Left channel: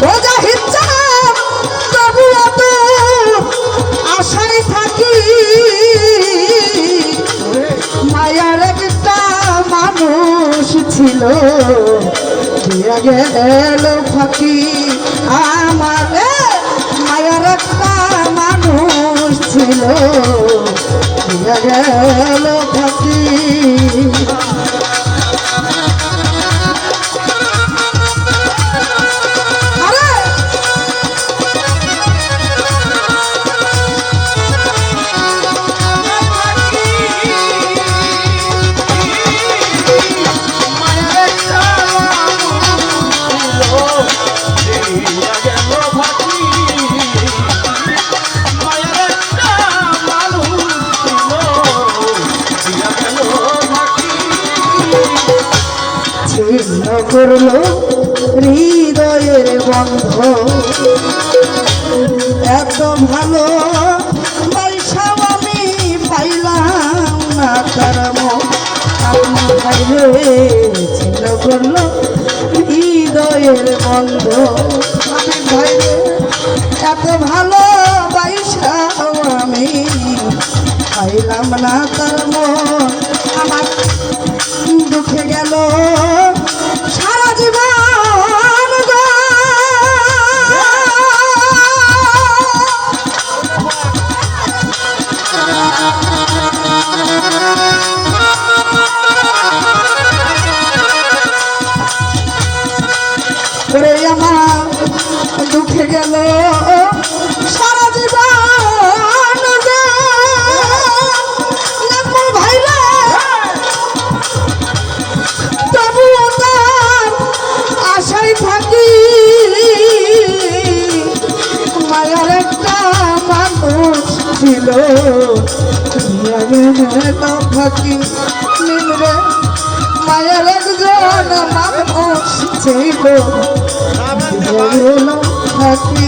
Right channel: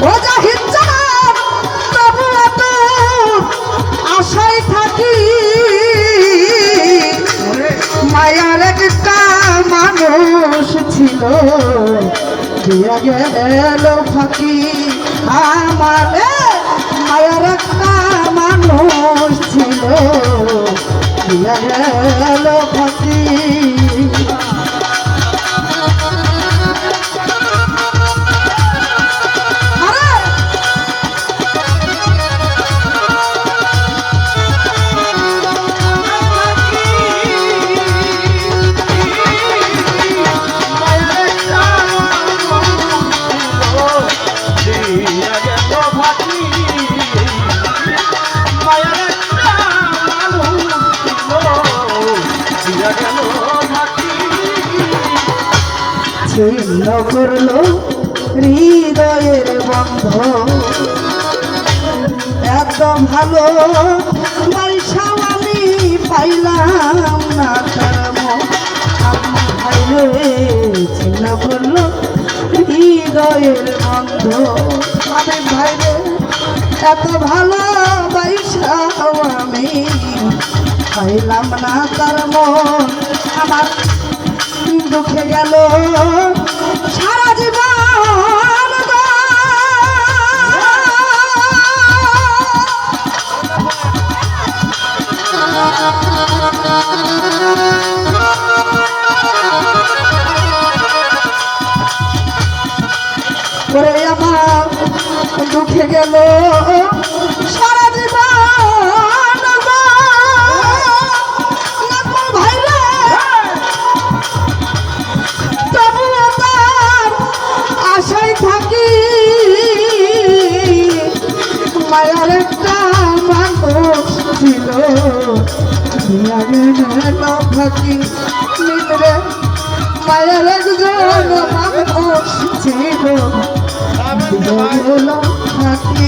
ও জাহিদ চাঁদ তবু এত আশায় থাকি মায়ার একটা মানুষ ছিল দিয়ে গেল ফাঁকি আমার মায়ার একটা মানুষ ছিল দিয়ে গেল ফাঁকি ছিন্ন করলো হৃদয়ের বন্ধ এত ভালো পয়সাও আমি পাইলাম না তার ভাইরে ছিন্ন করলো হৃদয়ের বন্ধ আমি ভাইরে এত ভালো পয়সাও আমি পাইলাম না তার মন আমার দুঃখে গেল সারা জীবন করে আমার দুঃখে গেল সারা জীবন আশায় থাকি মায়ের একটা মানুষ ছিল থাকি মিলরে মায়ের একজন মানুষ ছিল থাকি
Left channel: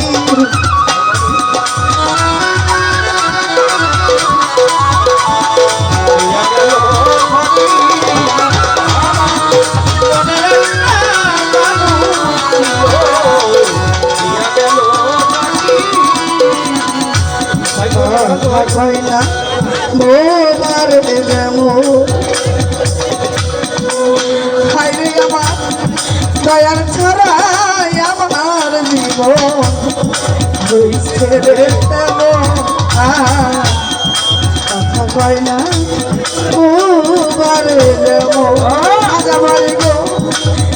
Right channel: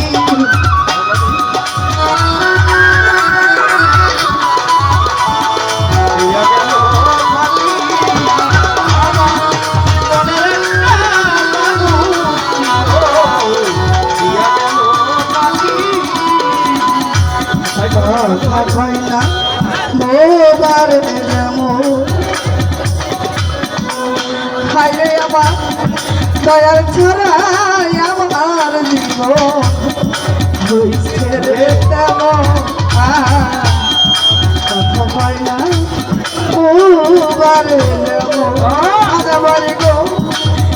দয়াল ছাড়াই আমার জীবন কথা কয় না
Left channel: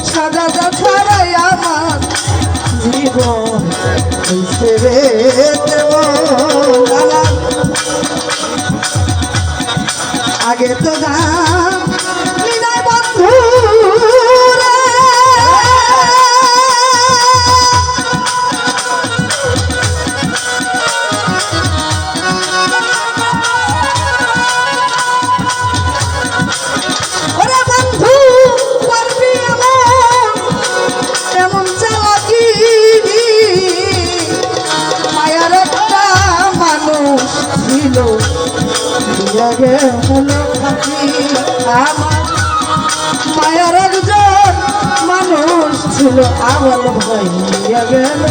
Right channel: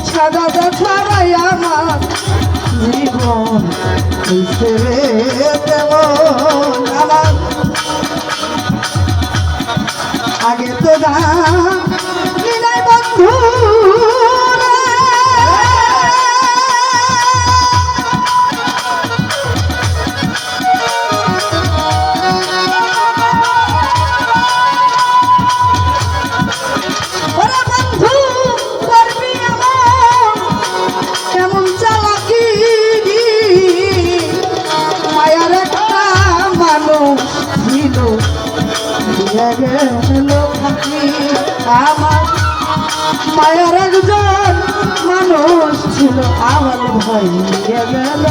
সাদা ছাড়াই আমার জীবন আগে তো না বন্ধু ছিল গেল থাকি আমার মায়ের একজন মানুষ ছিল আমার ভাই গেল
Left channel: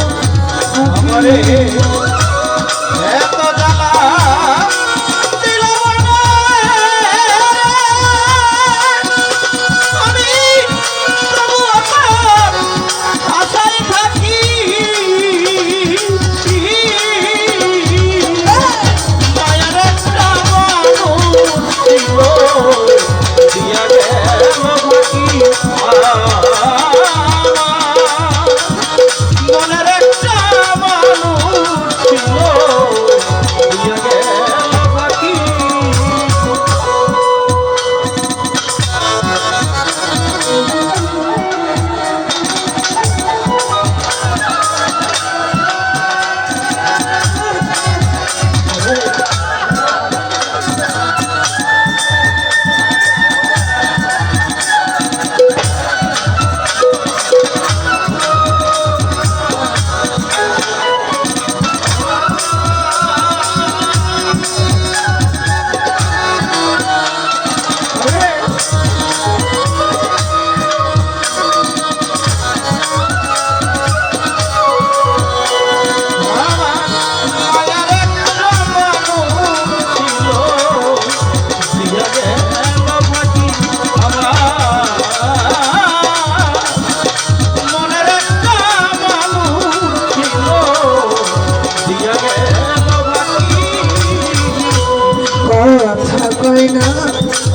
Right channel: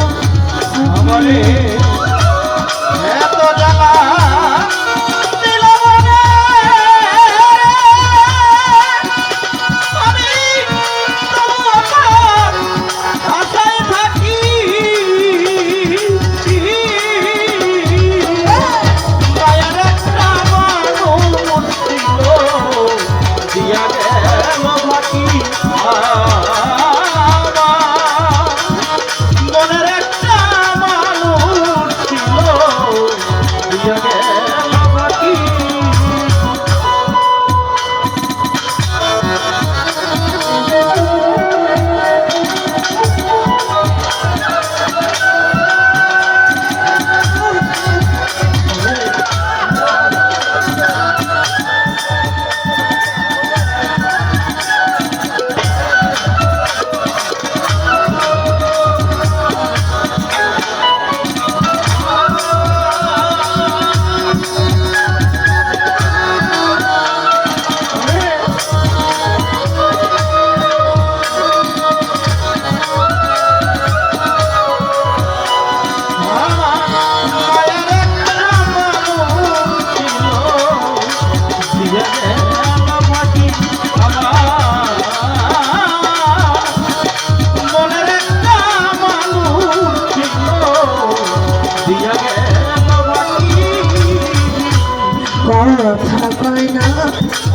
হয় না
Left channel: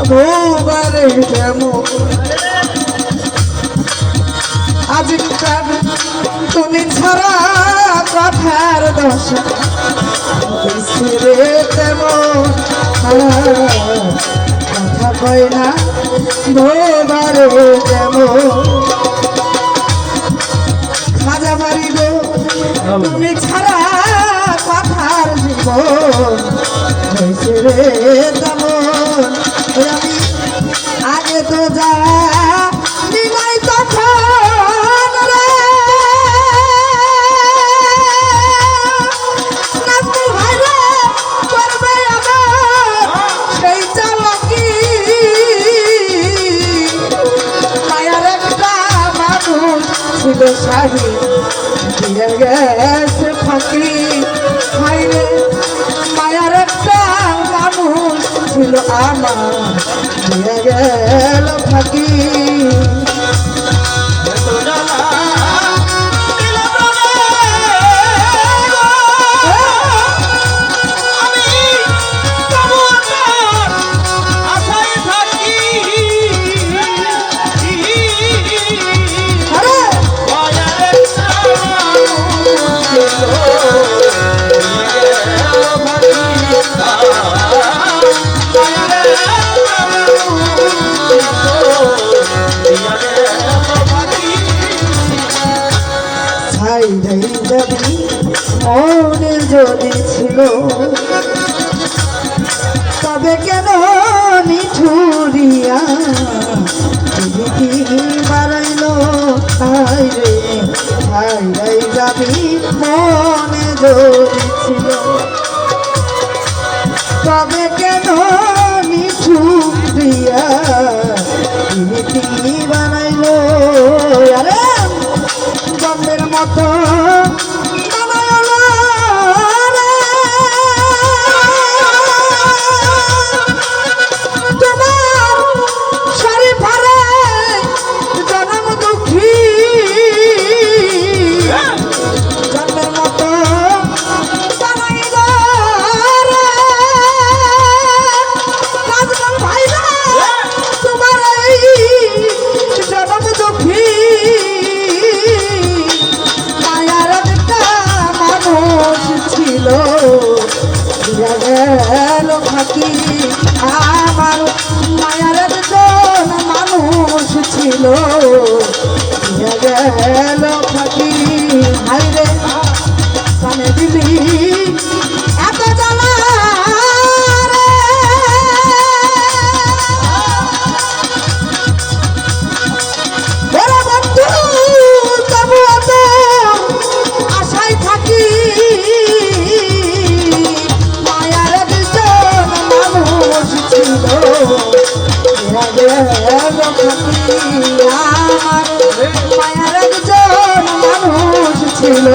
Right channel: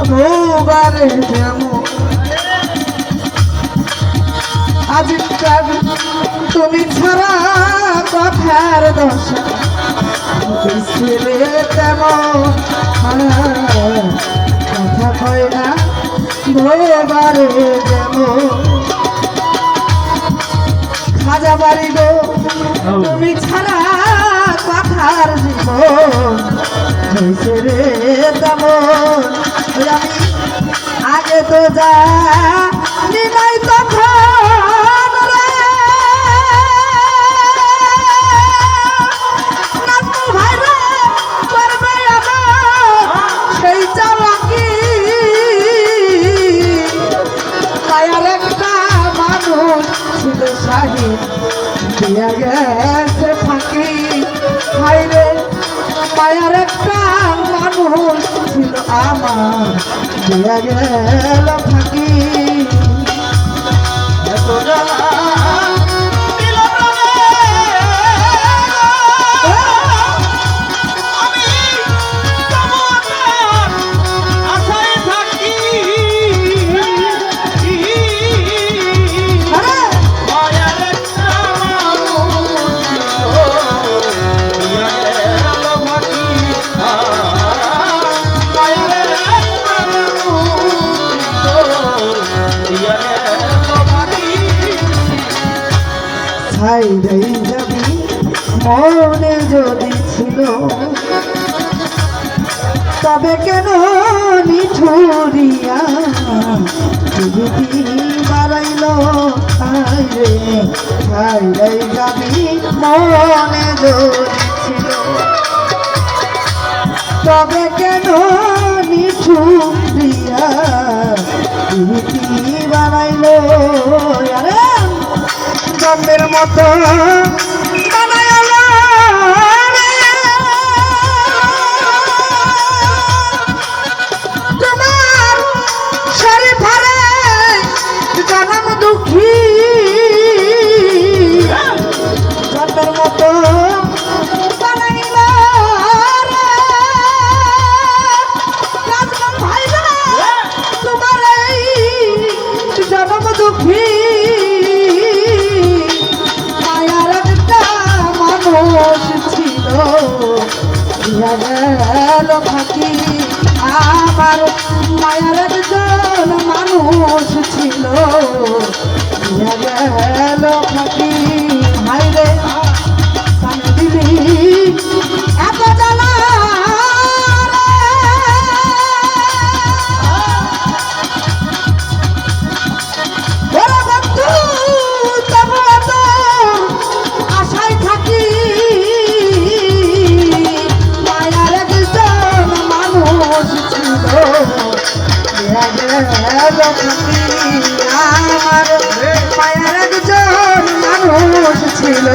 ভোবারে যেমন আজকাল তুমি ছাড়া কথার দশা রে তেমন কথা কয় না ভোবারে যেমন খাজা বাড়ি গো তুমি ছাড়া কথার জীবন হয়েছে রে তেমন আমি আগে তো যা নিলাই তখন রে নাজমুল ভাই রে করবে আবার সেই চালাকি মায়ার একটা মানুষ ছিল শাহী দিয়া গেছে ফাঁকি হাই রে মায়ার একটা মানুষ ছিল আমার দিয়া গেল ফাঁকি যাবি মনে যদি ছিল তবে কেন মিঠুরিয়া প্রীতি বাড়াইল হাই রে যাবি মনে যদি ছিল তবে কেন মিঠুরিয়া প্রীতি বাড়াইল আরে জন্মের মতো ফাঁকি আমার মায়ার একজন মানুষ ছিল গেল ফাঁকি হাই রে কানে দিলি এত জ্বালা বন্ধু তবু এত আশায় থাকি আমার মায়ার একজন মানুষ ছিল